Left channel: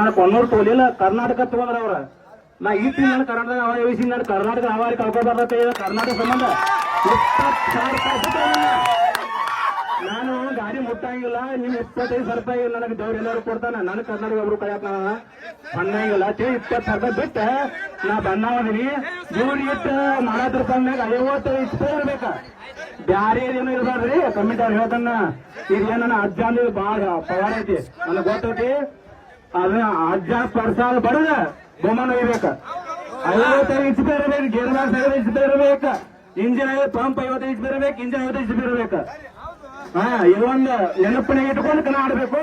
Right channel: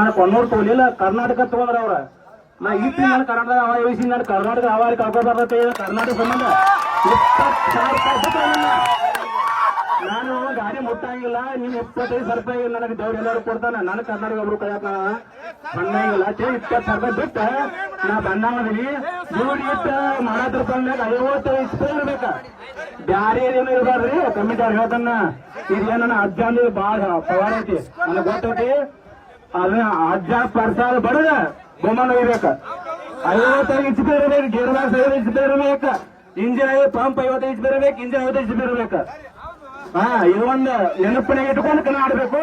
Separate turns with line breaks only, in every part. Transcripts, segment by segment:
ನಾನು ಕೊನ್ನೂರು ತೋಲಿಲ್ಲ ಕರ್ನಾಟಕ ತಗೊಂಡ್ರ ಅವ್ರ. ನಾ ಈ ನಾನು ಕರ್ನಾಟಕ ಹವಾ ನಾನು ಕರ್ನಾಟಕ ಹವಾರಿ ಕಳ್ಕೊಬಾರ್ದತ್ತೆ ಕರ್ನಾಟಕ ಸಂಬಂಧ. ರೂಪಾಯಿ ನಾನು ಗಾಡಿ ಮುಟ್ಟಂಗಿಲ್ಲ. ನಿಮ್ ಇಪ್ಪತ್ತೈದು ಸಾವಿರ ರೂಪಾಯಿ ನನಗೆ ದೇವ್ರ ಎಲ್ಲರೂ ಕೊಡ್ತಾನ. ನಾನು ಕರ್ನಾಟಕ ಒಬ್ರು ಕಳ್ಯಾಕ ಬಂದಂಗಿಲ್ಲ. ಚೇ ಇಪ್ಪತ್ತು ಸಾವಿರ ರೂಪಾಯಿ ಬಿಟ್ಟ. ನಾ ಬಂದಾವದೀನಿ ದುಡ್ಡು ಇಟ್ಟು ನಲವತ್ತು ರೂಪಾಯಿನಾಗ ಐವತ್ತು ಇಸ್ಪೈ ಇರ್ಬೇಕ. ಬ್ಯಾರೆ ಏನು ಇರಬಾರ್ದ್ರಿ. ಕಮಿಟಿ ಹೇಳ್ತಾನ. ಇದು ಏನ ಅಜ್ಜ ಅಂದ್ರೆ ಬಾಳ ಪವಾರ ಐತಿ. ನನಗೆ ಗೊತ್ತೈತಿ. ಅದನ್ನ ಅಜ್ಜ ಪರ್ಸಾಲ ಬಡದ ಬೊಮ್ಮನ ಒಯ್ಬೇಕ ಐವತ್ತೈದು ಇಂಚ್ ಇರಬೇಕು ಗೇರ್ ಬಾಕ್ಸ್ ಐವತ್ತು ಇಂಚ್ ಬೇರಬೇಕ, ಇಂಜಿನ್ ಪಂಪ್ ಐವತ್ತೈದು ಇಂಚ್ ಬೇರಬೇಕು, ಇಂಜಿನ್ ಐವತ್ತೈದು ಇಂಚ್ ಬೇರಬೇಕ. ಹಾ ಇವೊಂದು ನೆನಪಣೆ ಇಟ್ಕೊಂಡು ಕಣ ಆಡ್ಬೇಕು.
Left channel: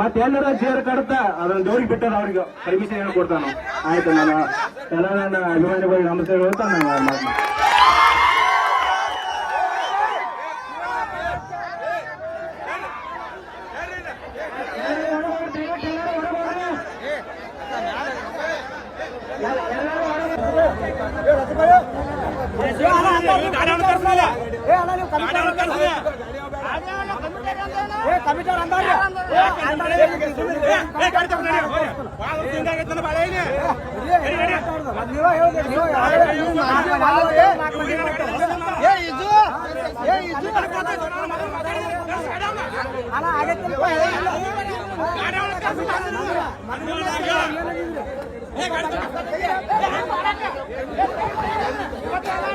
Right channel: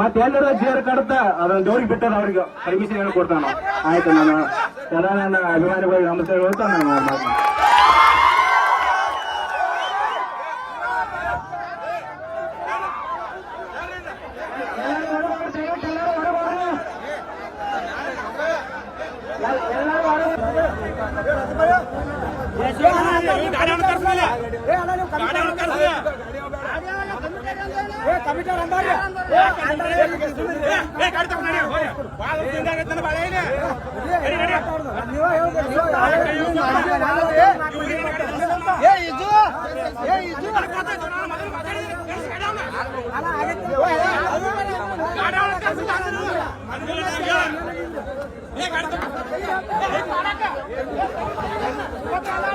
ಮತ್ತೆ ಎಲ್ಲರ ಜೇರ್ ಕಡತ, ಅದನ್ನ ದೋರಿ ಬಿಟ್ಟದ ಅವ್ರಿಗೆ ಪರ್ಮಿಷನ್ ಏನು ಕೊಡ್ತಾನ. ಆಯ್ತು ನಾನು ಎಲ್ಲ ನನ್ನ ಅಭಿಮಾನಿಗಳಿಗೆ ನಮಸ್ಕಾರ ಹೇಳ್ತಾ ನಾನು ಗಾಡಿ
ಒಳಗೆ ಕರ್ಸ್ತಾ ಇದ್ರು ಮನ್ನ ಮಾತ್ನ.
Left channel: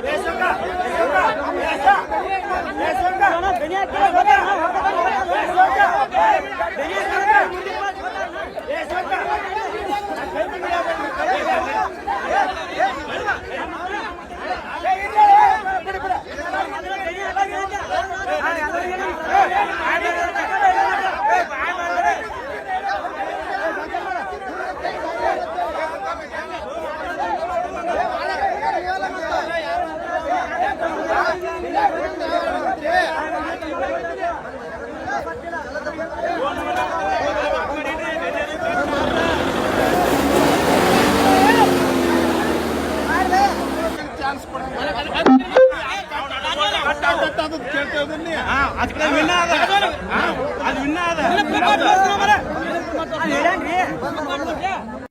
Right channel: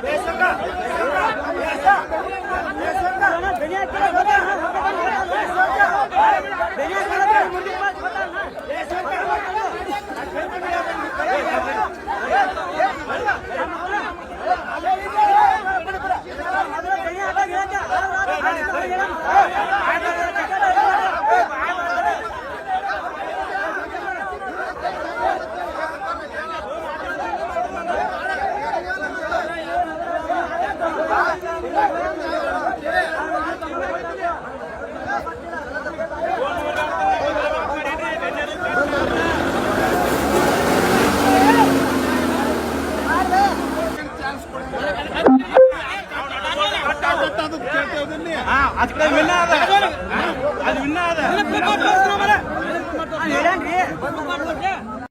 ಅದು ವಿನ್ನ ಅದ